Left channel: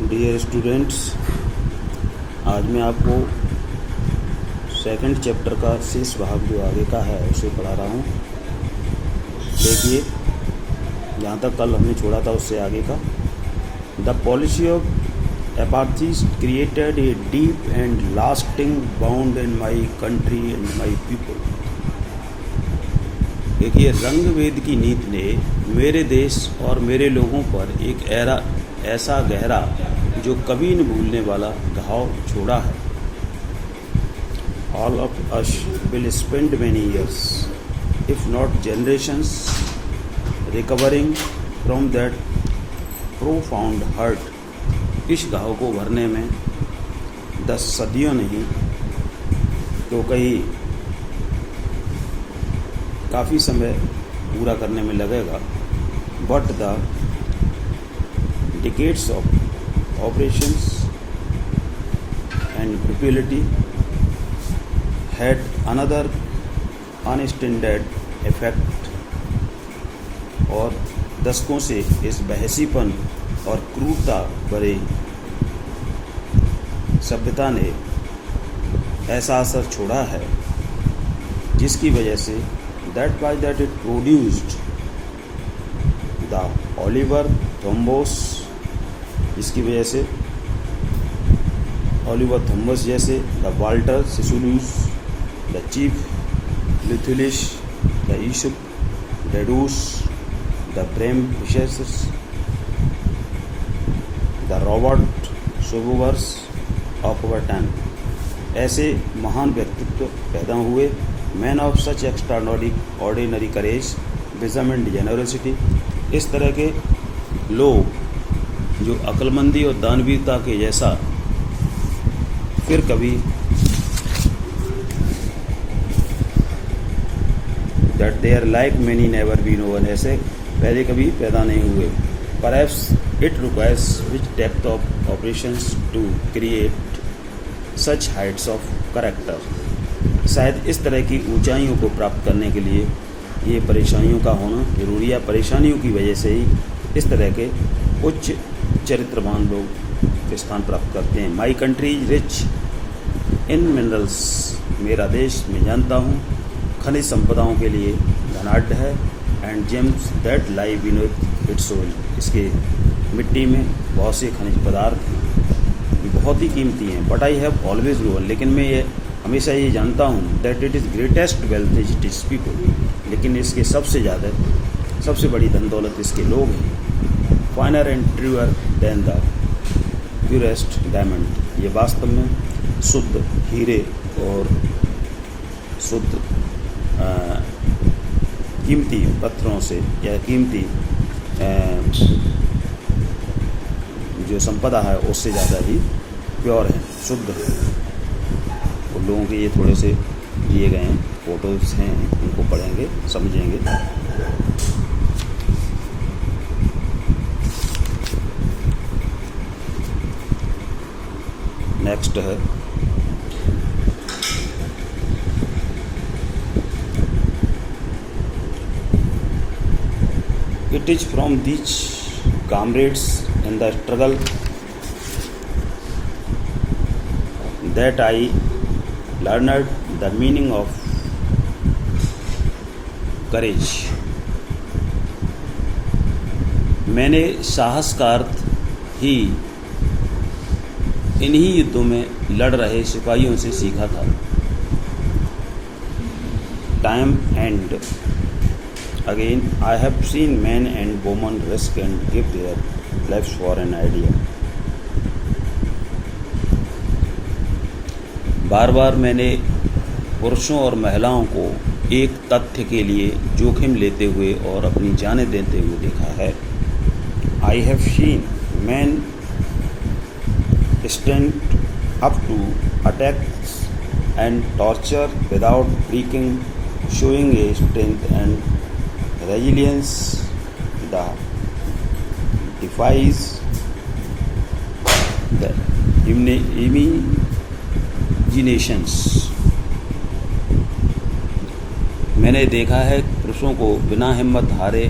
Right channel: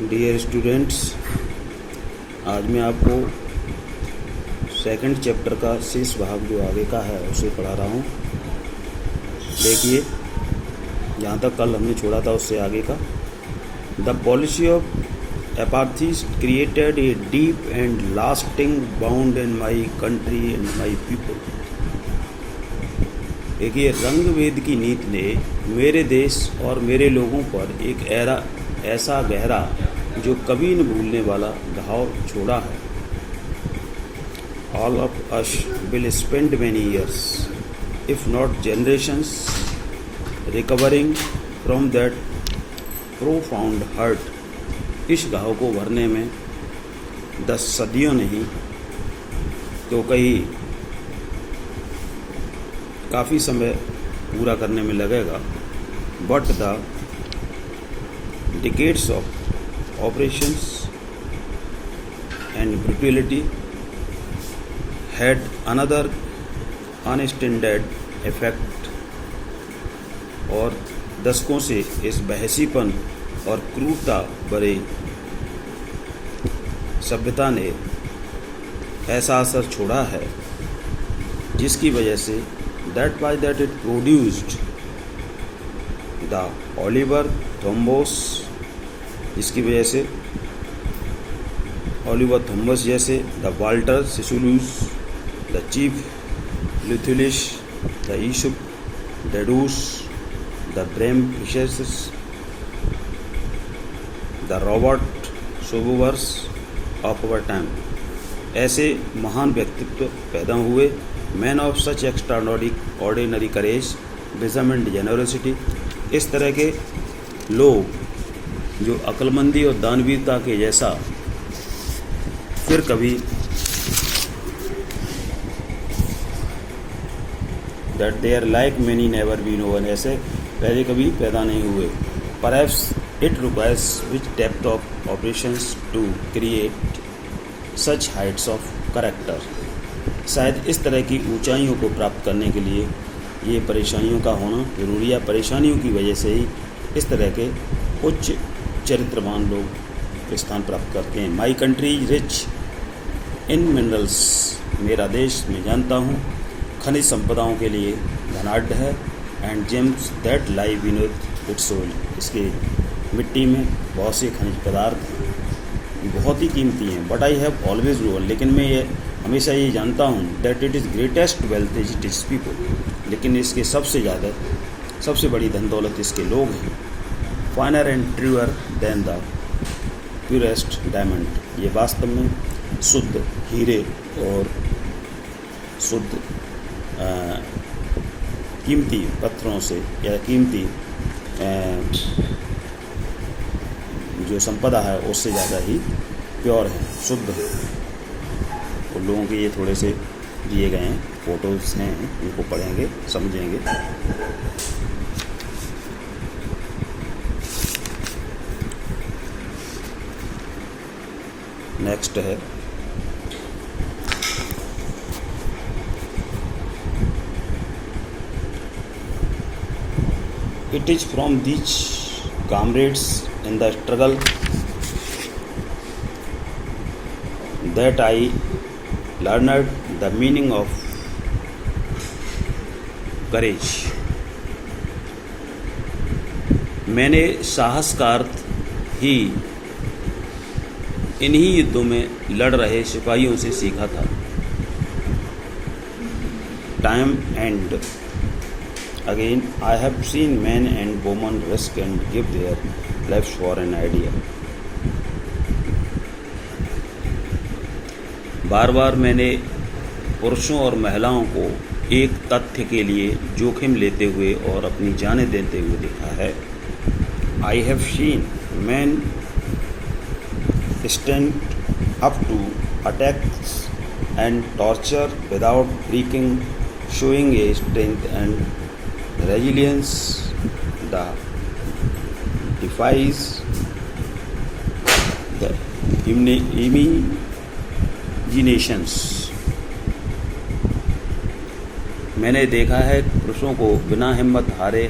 Dear students, आज मैं आपको सेकंड चैप्टर का शेष भाग जो आगे का है उसे पढ़ा रहा हूँ। देखिए, जहाँ तक कल हमने छोड़ा था उससे आगे का। The policy of apartheid created a deep and lasting bound in my country and my people. देखिए, रंगभेद की नीति ने मेरे देश और मेरे लोगों पर एक ऐसा गहरा जो कभी न भूलने वाला घाव छोड़ा है। All of us will spend many years, if not generations, recovering from that profound hurt. इस घाव को भरने में 10 सदियों नहीं तो कहीं काफ़ी समय पूरा करने में लगेगा। But the decades of operations and brutality had another unintended effect, और दशकों से इस बहसीपन और क्रूरता भरे सभ्यता ने ऐसा असर छोड़ा है जिसकी वजह से that it produced the Oliver Thomos, इसकी वजह से ऑलिवर थॉमस जैसे, the Walter Sisulus, the chief Luthulis, the Yusuf Dadoos, the Bram Fischers, the Robert Sobukwes of our time. ऐसे महान व्यक्तित्व पैदा हुए, men of such extraordinary courage, wisdom and generosity. इस तरह के लोग जो अक्लमंदी और दानवीरता के जैसा फिर कभी that there like many never be known, ऐसे पहले कभी पैदा नहीं हुए। Perhaps it requires which depth of operations to create such heights of character. शायद इस तरह की ऊंचाइयों को प्राप्त करने के लिए ये परेशानियों का होना जरूरी है। परेशानियों की वजह से ही इस तरह के उच्च चरित्रवान लोग स्थान प्राप्त करते हैं। My country is rich in minerals, मेरा देश मैं जानता हूँ खनिज संपदाओं के लिए धनाढ्य है। And James that lie beneath it's soil, इसके मिट्टी में बहुत से खनिज पदार्थ हैं, बहुत ही कीमती हैं। But I have always known, लेकिन मैं ये हमेशा ये जानता हूँ that it is greatest wealth is its people, लेकिन इसके सबसे बड़ी धन दौलत इसके लोग हैं। Finer and truer than the purest diamond, ये वास्तव में शुद्ध हीरे और शुद्ध कीमती पत्थरों से या कीमती जो संपदा है उससे ज़्यादा ही प्योर है, शुद्ध है। उन लोगों के ये थोड़े से दिए गए हैं, फोटोज़ हैं, उनको पढ़ेंगे समझेंगे। नेक्स्ट है it is from these comrades in the struggle that I learned the meaning of courage। मैंने साहस का अर्थ ही इन्हीं युद्धों में लड़ रहे सिपाहियों से सीखा था। Time and again I have seen men and women risk and give their lives for an idea. बार बार मैंने पुरुषों और महिलाओं को एक तथ्य के लिए जोखिम लेते हुए और अपनी जानें देते हुए देखा है। आई have seen man stand up to attacks and torture without breaking, showing a strength and resilience that defies the imaginations। मैंने देखा है पुरुषों को बिना हिम्मत हारे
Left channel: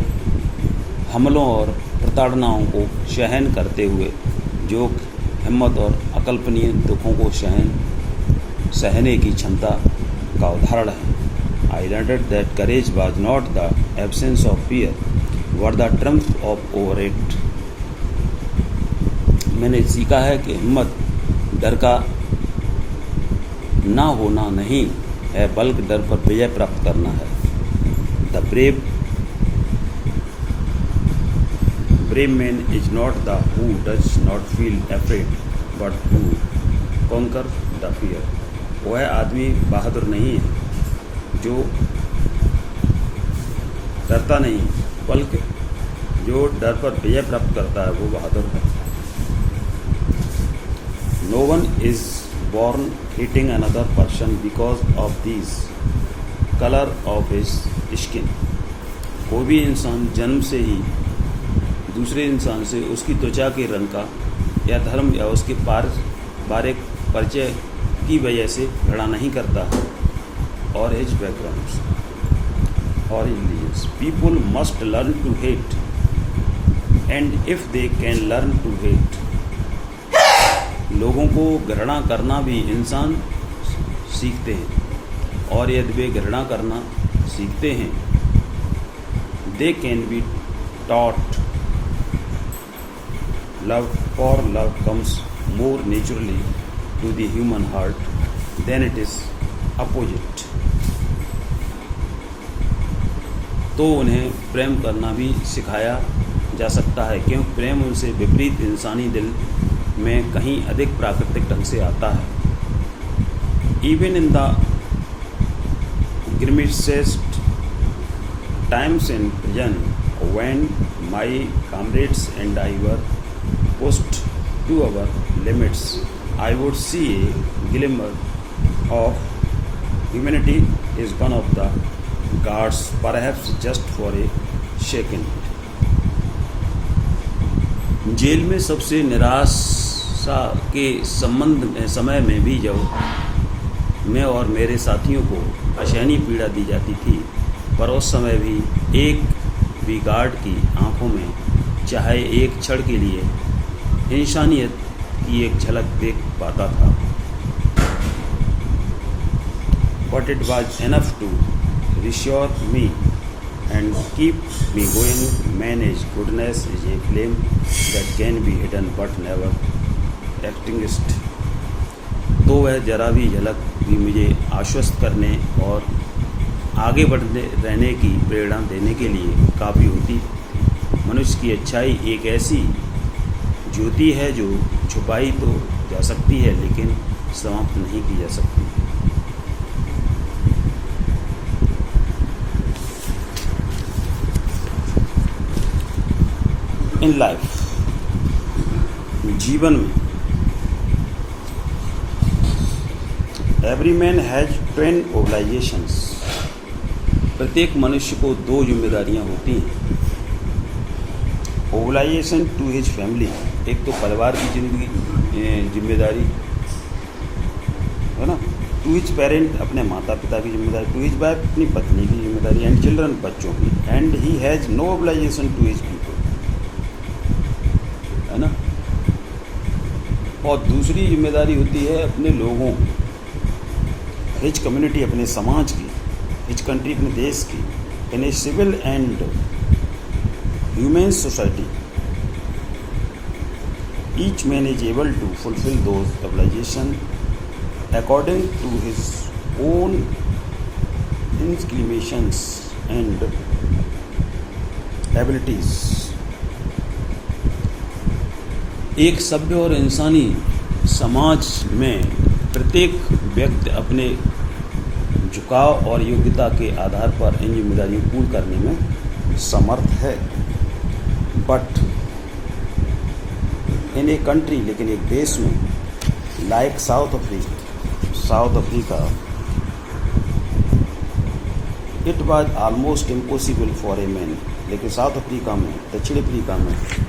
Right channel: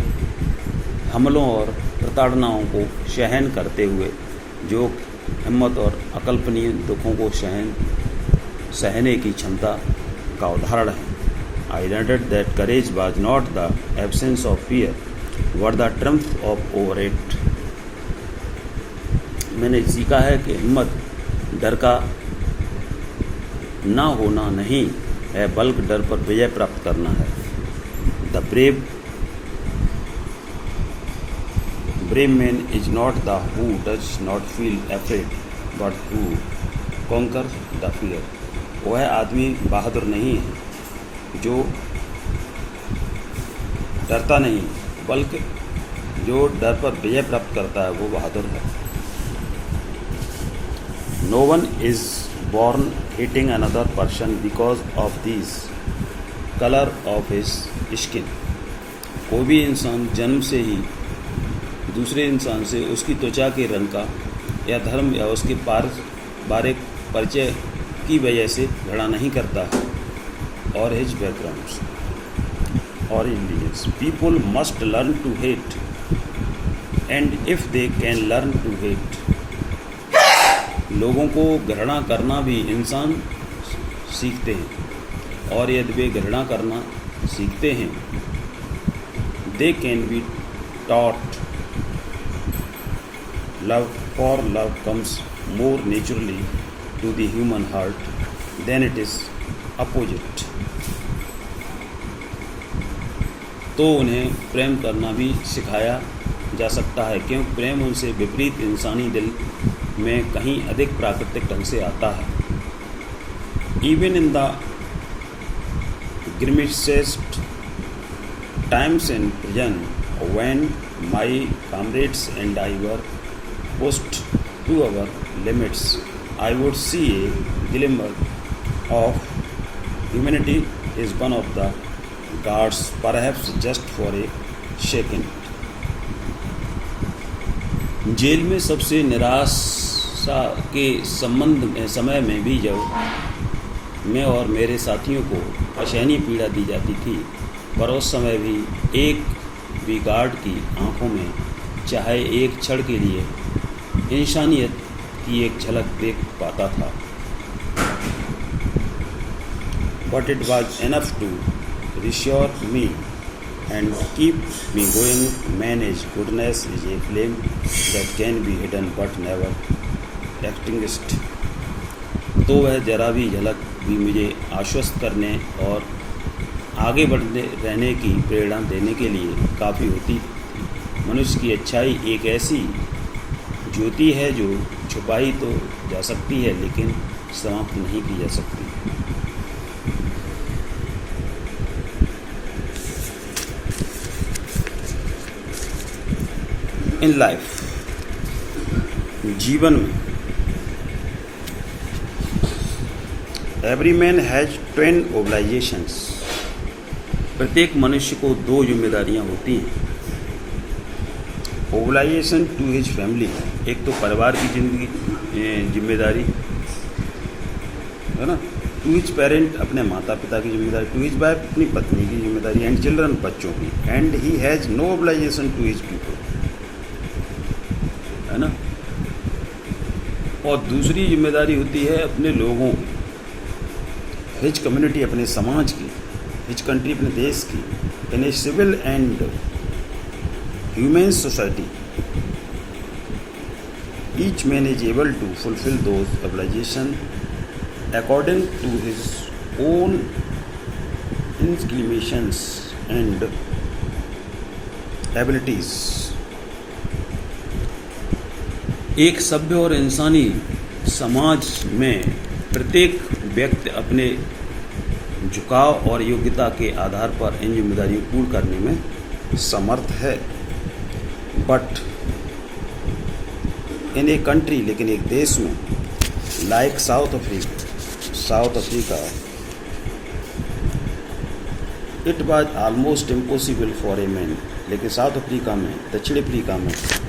हमलों और प्रताड़नाओं को सहन करते हुए जो हिम्मत और अकल्पनीय दुखों को सहने की क्षमता का उदाहरण है। I learned that courage was not the absence of fear, but the triumph of over it. मैंने सीखा है कि हिम्मत डर का ना होना नहीं है, बल्कि डर पर विजय प्राप्त करना है। The brave man is not the who does not feel afraid, but who conquer the fear. वह आदमी बहादुर नहीं है जो डरता नहीं, बल्कि जो डर पर विजय प्राप्त करता है वो बहादुर है। No one is born hating another person because of this color of his skin. कोई भी इंसान जन्म से ही दूसरे इंसान से उसकी त्वचा के रंग का या धर्म या उसके पारिवारिक परिचय की वजह से घृणा नहीं करता है। और his backgrounds or religions. People must learn to hate, and if they can learn to hate, लोगों को घृणा करना भी इंसान सीखते हैं, और यदि वे घृणा करना सीखते हैं, they can be taught love, for love comes more naturally to the human heart than it is opposite. तो उन्हें प्रेम करना भी सिखाया जा सकता है, क्योंकि प्रेम उनसे विपरीत इंसानी दिल में कहीं अधिक प्राकृतिक ढंग से आता है। Even in the grimest times in prison, when my comrades and I were pushed to our limits, I would see a glimmer of humanity is one of the guards, perhaps just for a second. जेल में सबसे निराशा के समय में भी जब मैं और मेरे साथियों को असहनीय पीड़ा दी जाती थी, पर उस समय भी एक भी गार्ड की आंखों में चाहे एक क्षण के लिए इंसानियत की एक झलक देख पाता था। But it was enough to reassure me and keep me going. Man's goodness is a flame that can be hidden but never extinguished. तो वह जरा भी झलक भी मुझे आश्वस्त करने और आगे बढ़ते रहने की प्रेरणा देने के लिए काफ़ी होती थी। मनुष्य की अच्छाई एक ऐसी ज्योति है जो छुपाई तो जा सकती है, लेकिन समाप्त नहीं की जा सकती। इन लाइफ, जीवन में, एवरी मैन हैज 10 ओब्लाइजेशंस। प्रत्येक मनुष्य को 2 जिम्मेदारियां होती हैं। ओब्लाइजेशन टू हिज फैमिली, एक तो परिवार की जिम्मेदारी है ना, टू हिज पेरेंट, अपने माता पिता की जिम्मेदारी, टू हिज वाइफ, अपनी पत्नी की जिम्मेदारी, एंड चिल्ड्रन, बच्चों की, and he has no obligation to his people, है ना। और दूसरी जिम्मेदारी होती है अपने लोगों, हिज कम्युनिटी, अपने समाज की, हिज कंट्री, अपने देश की, in a civil and human society. Each man is able to fulfil those obligation according to his own inclinations and abilities. एक सभ्य और इंसानी समाज में प्रत्येक व्यक्ति अपने झुकाव और योग्यता के आधार पर इन जिम्मेदारियों को पूर्ण करने में समर्थ है। बट इन ए कंट्री, लेकिन एक देश में, like south Africa, it was almost impossible for a man, लेकिन साउथ अफ्रीका में, दक्षिण अफ्रीका में